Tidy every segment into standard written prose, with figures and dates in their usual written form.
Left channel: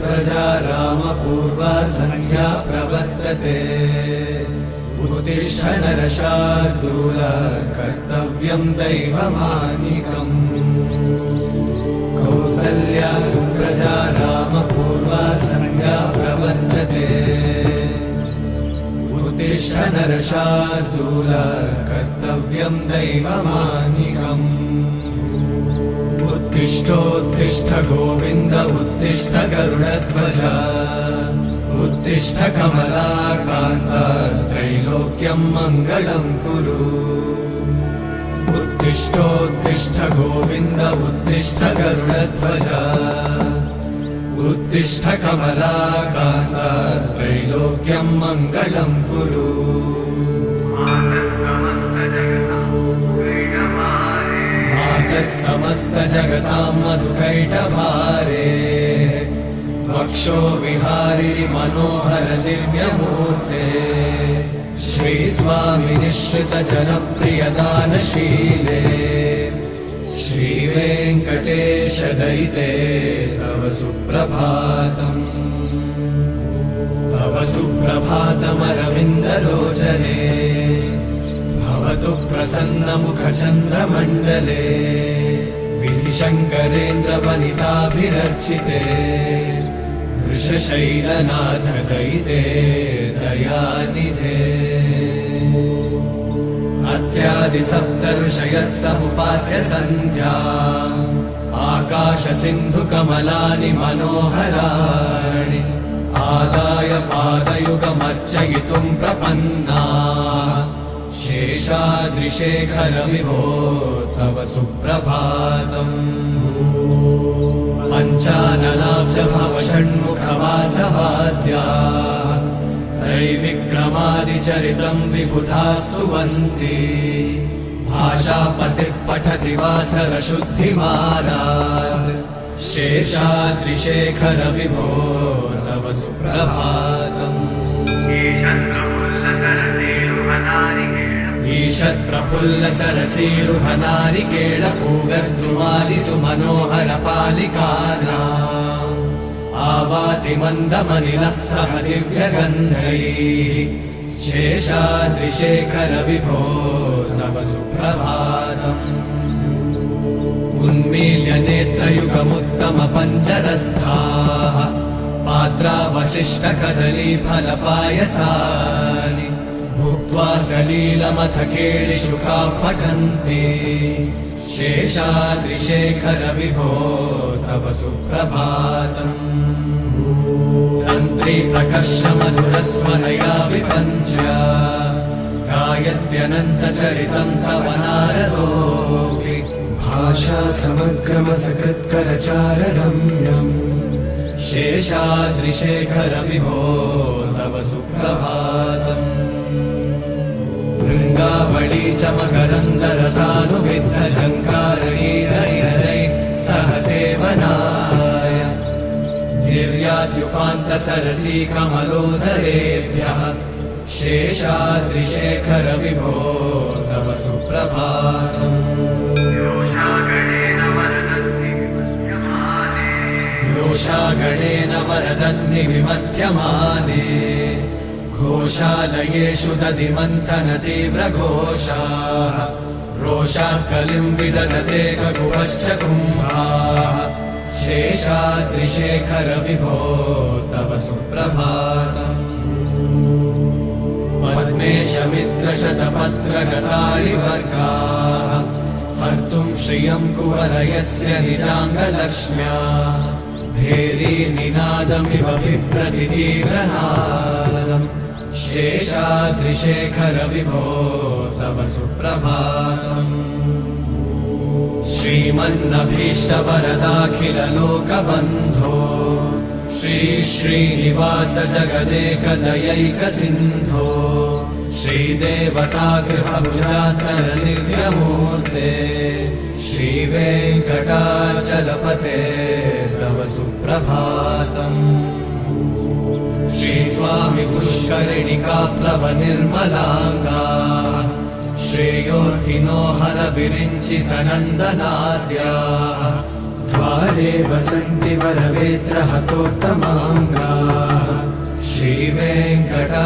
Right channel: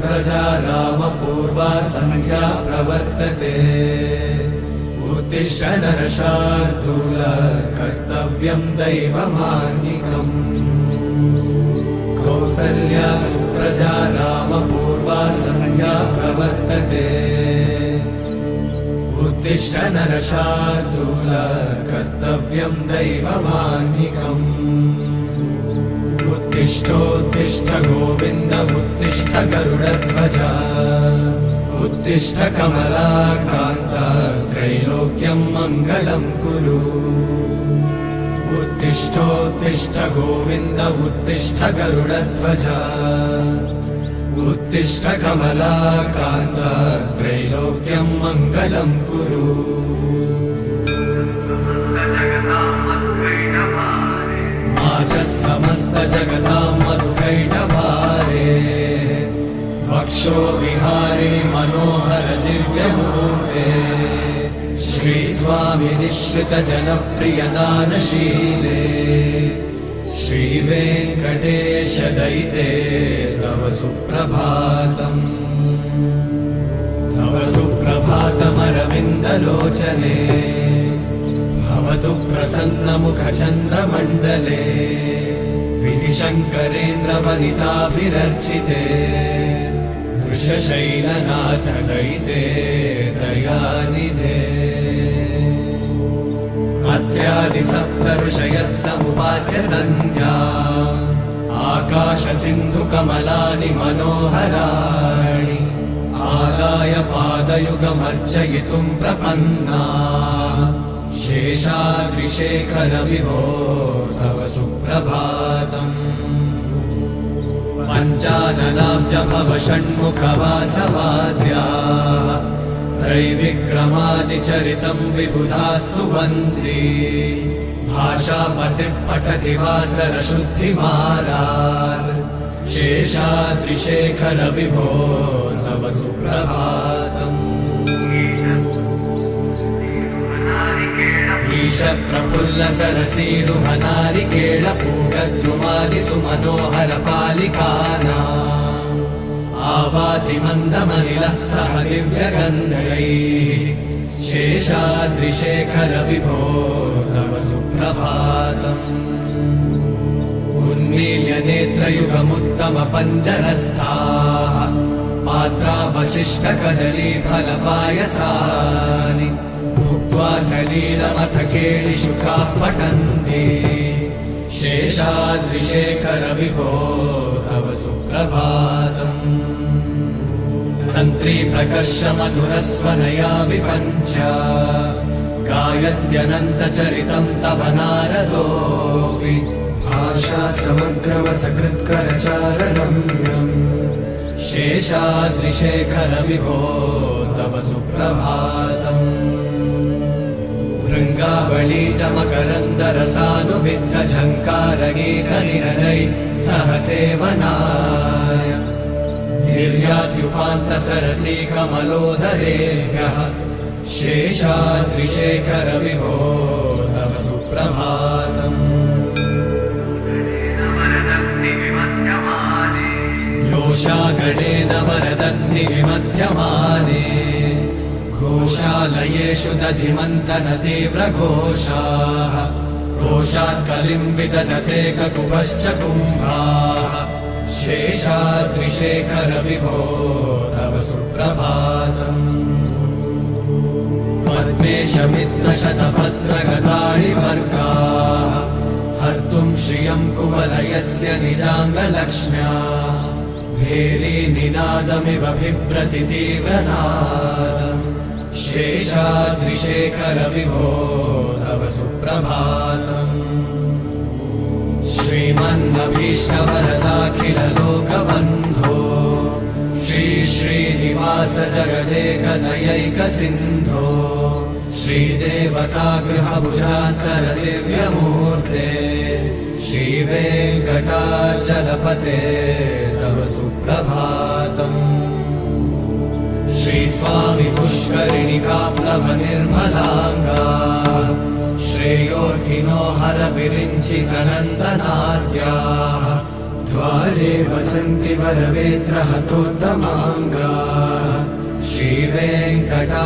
प्रजा रामपूर्वा सन्ध्या प्रवर्तते उत्तिष्ठ नरशार्दूल कर्तव्यं दैवमाह्निकम् कौसल्या सुप्रजा रामपूर्वा सन्ध्या प्रवर्तते उत्तिष्ठ नरशार्दूल कर्तव्यं दैवमाह्निकम् उत्तिष्ठोत्तिष्ठ गोविन्द उत्तिष्ठ गरुडध्वज उत्तिष्ठ कमलाकान्त त्रैलोक्यं मङ्गलं कुरु उत्तिष्ठोत्तिष्ठ गोविन्द उत्तिष्ठ गरुडध्वज उत्तिष्ठ कमलाकान्त त्रैलोक्यं मङ्गलं कुरु समस्त जगतां मधुकैटभारे वक्षो विहारी मनोहर दिव्यमूर्ते श्रीस्वामि निश्चित जनप्रिय दानशीले श्रीवेङ्कटेश दयिते तव सुप्रभातम् तव सुप्रभातमरविन्दलोचने भवतु प्रसन्नमुखचन्द्रमण्डले विधिशङ्करेन्द्रवनिताभिरर्चिते वृषशैलनाथ दयिते दयानिधे अत्यादिसप्तऋषयः समुपास्य सन्ध्या आकाशसिन्धुकमलानि मनोहराणि आदाय पादयुगमर्चयितुं प्रपन्ना शेषाद्रिशेखर विभो तव सुप्रभातम् पञ्चाननाब्ज भव षण्मुखवासवाद्या त्रैविक्रमादिचरितम् विबुधास्तु वन्दी भाषापतिः पठति वासरशुद्धिमारात् शेषाद्रिशेखर विभो तव सुप्रभातम् ईषत्प्रफुल्ल सरसीरुह नारिकेळ पूगद्रुमादिसु मनोहर पालिकानाम् आवाति मन्दमनिलः सह दिव्यगन्धैः शेषाद्रिशेखर विभो तव सुप्रभातम् उन्मील्य नेत्रयुगमुत्तम पञ्जरस्थाः पात्रावशिष्ट कदलीफलपायसानि भुक्त्वा सलीलमथ केळिशुकाः पठन्ति शेषाद्रिशेखर विभो तव सुप्रभातम् तन्त्री प्रकर्ष मधुरस्वनया विपञ्च गायत्यनन्तचरितम् तव नारदोऽपि भाषा समग्रमसकृत्करचाररम्यम् शेषाद्रिशेखर विभो तव सुप्रभातम् भृङ्गावळी च मकरन्दरसानुविद्ध झङ्कारगीतनिररै सह सेवनाय निर्यात्युपान्तसरसी कमलोदरेभ्यः शेषाद्रिशेखर विभो तव सुप्रभातम् योषागणेन वरदन्निविमध्यमाने घोषालयेषु दधिमन्थन तीव्रघोषाः रोषाकलिम् विदधते ककुवश्च कुम्भाः शेषाद्रिशेखर विभो तव सुप्रभातम् पद्मेशमित्रशतपत्रगतारिवर्गाः हर्तुम् श्रियम् कुवलयस्य निजाङ्गलक्ष्म्या भेरी निनादमिव बिभ्रतितीव्रनादम् शेषाद्रिशेखर विभो तव सुप्रभातम् श्रीमन्नभीष्टवरदाखिललोकबन्धो श्री श्रीनिवास जगदेकदयैकसिन्धो श्रीदेवतागृहभुजान्तर दिव्यमूर्ते श्रीवेङ्कटाचलपते तव सुप्रभातम् श्रीस्वामि पुष्करिणिकाप्लव निर्मलाङ्गा श्रेयोर्थिनो हर विरिञ्चि सनन्दनाद्या द्वारे ते वसन्ति वरवेत्रहतोत्तमाङ्गाः श्रीवेङ्कटाचलपते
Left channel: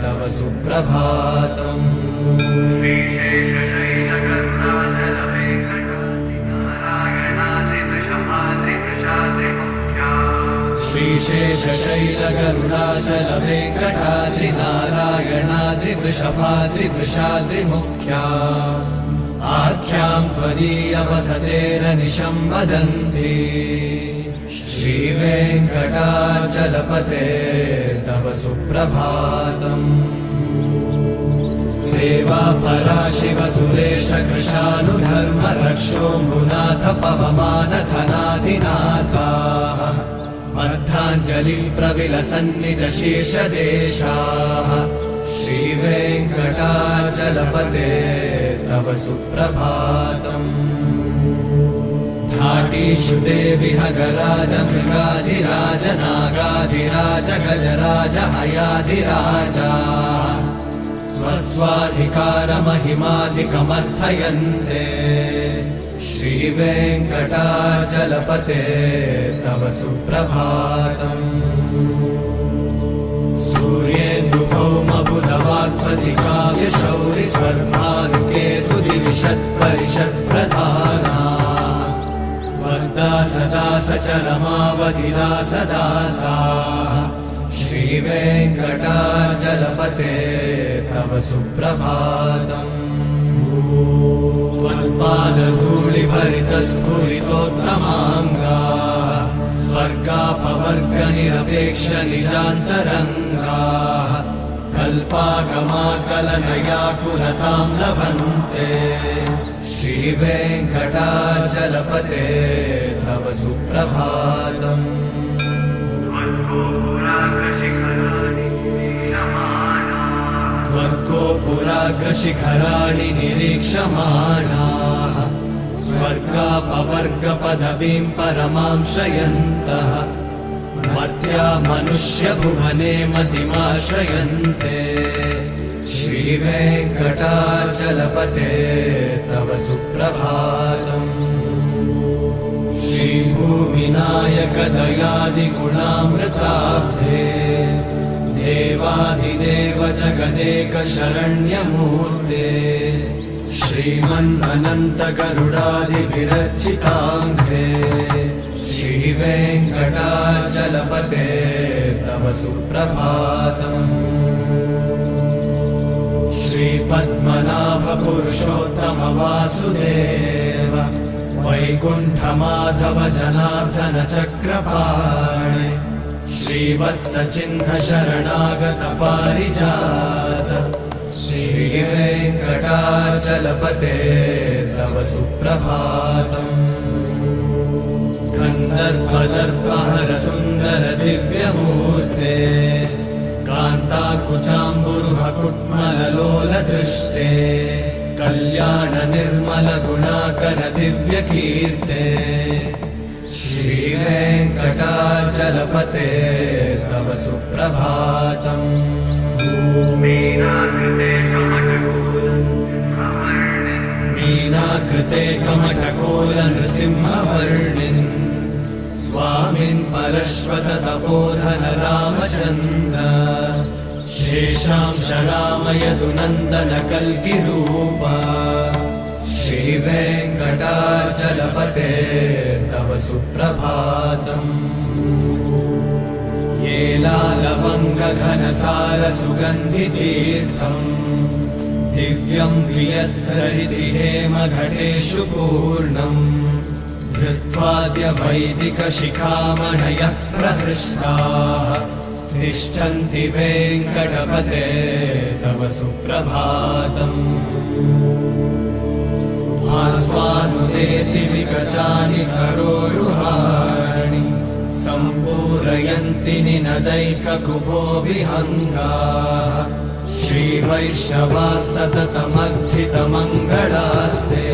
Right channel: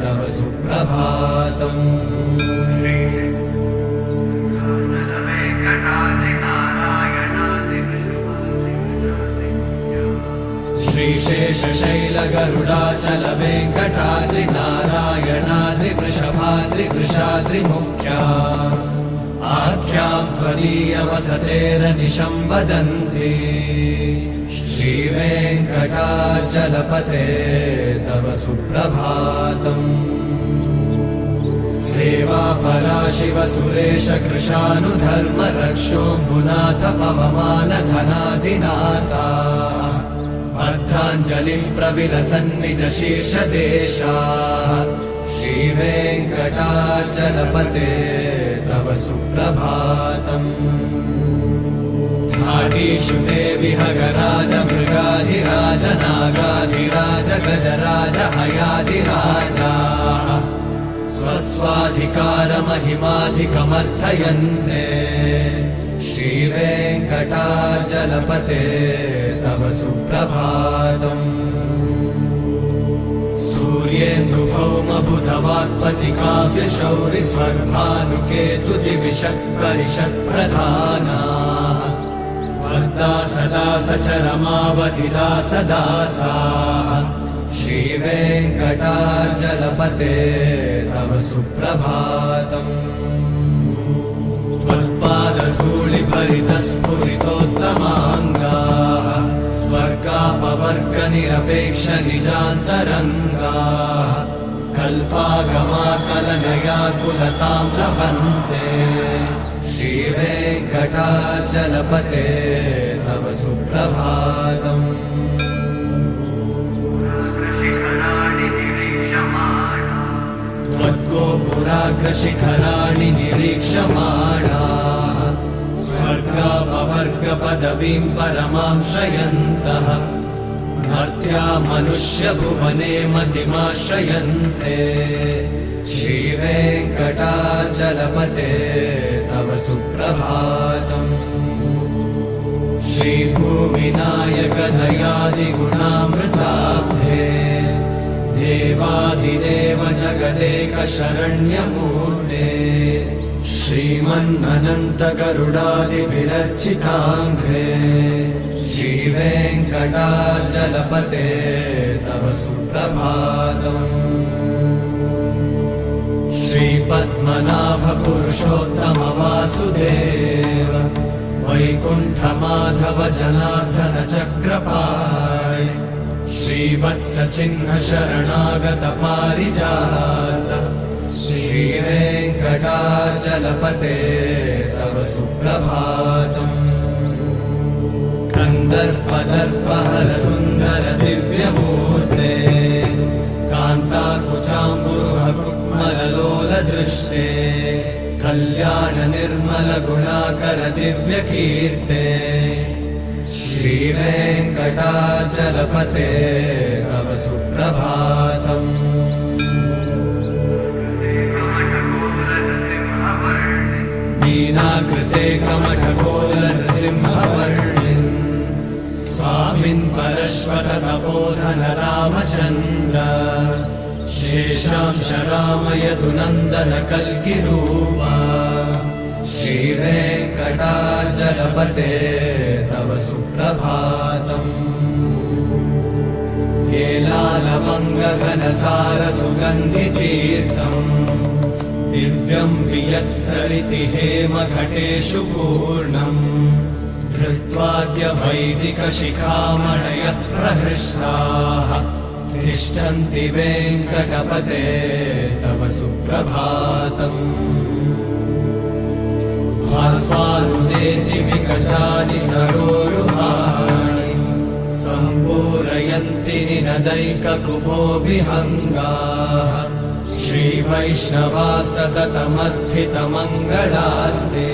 तव सुप्रभातम् श्रीशेषशैलगरुडाचल वेङ्कटाद्रि नारायणाद्रि वृषभाद्रिवृषाद्रिमुख्या आख्यां त्वदीयवसतेरनिशं वदन्ति श्रीवेङ्कटाचलपते तव सुप्रभातम् सेवा परा शिव सुरेश कृशानुधर्म रक्षोऽम्बुनाथ पवमानधनाधिनाथा अर्धाञ्जलिं प्रविलसन्निज शीर्षदेशाः श्रीवेङ्कटाचलपते तव सुप्रभातम् धाडीषु ते विहगराज मृगाधिराज नागाधिराज गजराज हयाधिराजा स्वस्वाधिकारमहिमाधिकमर्थयन्ते श्रीवेङ्कटाचलपते तव सुप्रभातम् सूर्येन्दुभौमबुधवाक्पतिकाव्यशौरि स्वर्भानुकेतुदिविषत्परिषत्प्रधाना वर्धा सदा सचरमावधिदा सदा सा श्रीवेङ्कटाचलपते तव सुप्रभातम् त्वत्पादधूलिभरितस्फुरितोत्तमाङ्गाः स्वर्गापवर्गनिरपेक्ष निजान्तरङ्गाः कल्पागमाकलनयाकुलतां लभन्ते श्रीवेङ्कटाचलपते तव सुप्रभातम् त्वद्गोपुराग्रशिखराणि निरीक्षमाणाः स्वर्गापवर्गपदवीं परमां श्रयन्तः मर्त्या मनुष्यभुवने मतिमाश्रयन्ते श्रीवेङ्कटाचलपते तव सुप्रभातम् श्रीभूमिनायक दयादिगुणामृताब्धे देवाधिदेव जगदेक शरण्यमूर्ते श्रीमन्मनन्त गरुडादिभिरर्चिताङ्घ्रे श्रीवेङ्कटाचलपते तव सुप्रभातम् श्रीपद्मनाभ पुरुषोत्तम वासुदेव वैकुण्ठमाधव जनार्दन चक्रपाणि श्रीवत्सचिह्न शरणागत पारिजात श्रीवेङ्कटाचलपते तव सुप्रभातम् कन्दर्पदर्पहर सुन्दर दिव्यमूर्ते कान्ताकुचाम्बुरुह कुक्मललोल दृष्टे कल्याण निर्मल गुणाकर दिव्यकीर्ते श्रीवेङ्कटाचलपते तव सुप्रभातम् मीनाकृते कमठकोलनृसिंहवर्णिन् स्वामिन् परश्वत तपोधन रामचन्द्र शेषांश रामयतु नन्दन कल्किरूपा श्रीवेङ्कटाचलपते तव सुप्रभातम् येलालवङ्गघनसार सुगन्धितीर्थम् दिव्यं वियत्सरिति हेमघटेषु पूर्णम् धृत्वाद्य वैदिकशिखामणयः प्रहृष्टाः तिष्ठन्ति वेङ्कटपते तव सुप्रभातम् आस्वानुदेति विकटानि सरोरुहाणि सम्पूरयन्ति निनदैककुपो विहङ्गाः श्रीवैष्णवाः सततमर्थितमङ्गलास्ते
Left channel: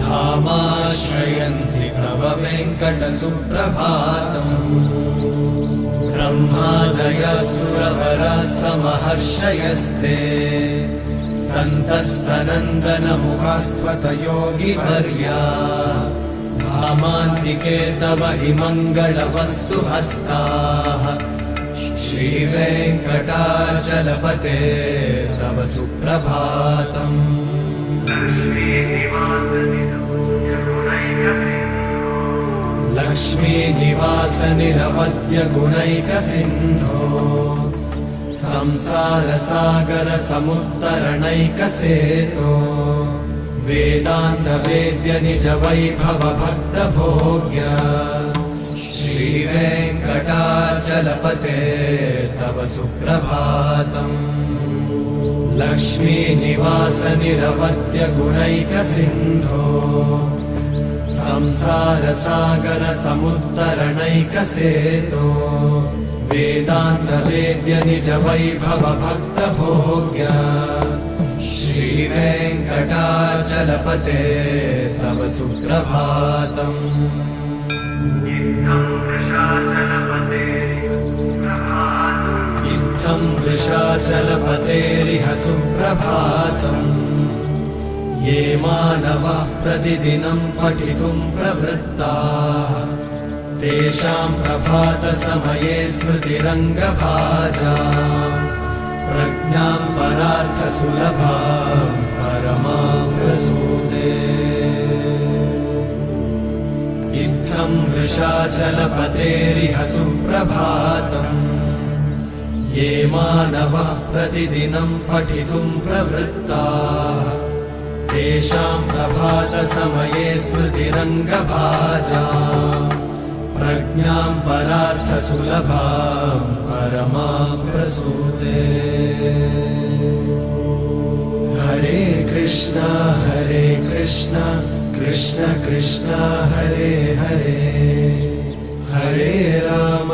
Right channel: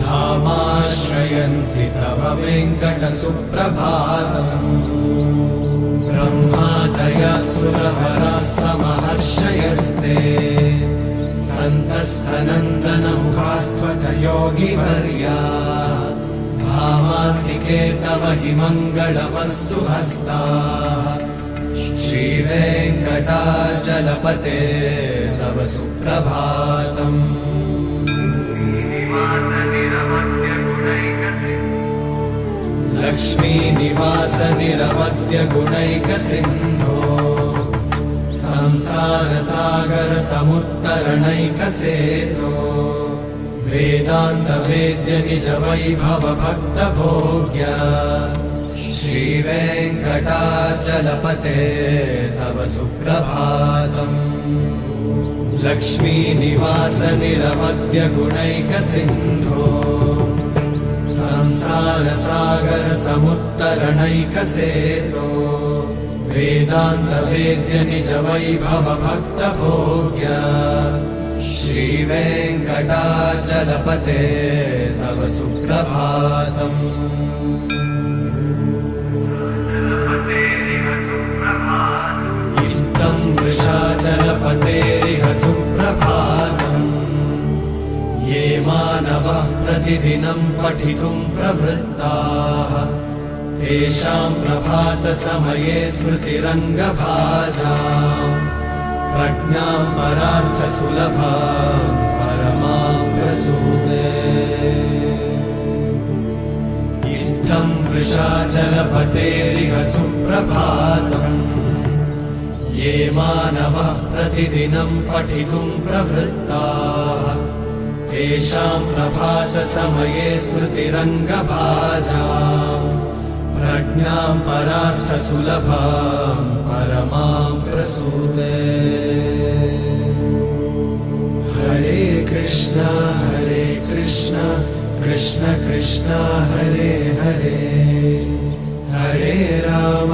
धामाश्रयन्ति तव वेङ्कटसुप्रभातम् ब्रह्मादयः सुरवराः समहर्षयस्ते सन्तः सनन्दनमुखास्त्वत योगिवर्याः महामान्तिके तव हि मङ्गलवस्तु हस्ताः श्रीवेङ्कटाचलपते तव सुप्रभातम् लक्ष्मीनिवास निरवद्य गुणैकसिन्धो संसारसागर समुत्तरणैकसेतो वेदान्त वेद्य निज वैभव भक्त भोग्य श्रीवेङ्कटाचलपते तव सुप्रभातम् लक्ष्मीनिवास निरवद्य गुणैकसिन्धो संसारसागर समुत्तरणैकसेतो वेदान्त वेद्य निज वैभव भक्त भोग्य श्रीवेङ्कटाचलपते तव सुप्रभातम् इत्थं वृषाचलपतेरिह सुप्रभातम् ये मानवः प्रतिदिनं पठितुं प्रवृत्ताः तेषां प्रभातसमये स्मृतिरङ्गभाजाम् प्रज्ञां परार्थसुलभां परमां प्रसूदे इत्थं वृषाचलपतेरिह सुप्रभातम् ये मानवः प्रतिदिनं पठितुं प्रवृत्ताः तेषां प्रभातसमये स्मृतिरङ्गभाजाम् प्रज्ञां परार्थसुलभां परमां प्रसूदे हरे कृष्ण कृष्ण कृष्ण हरे हरे हरे राम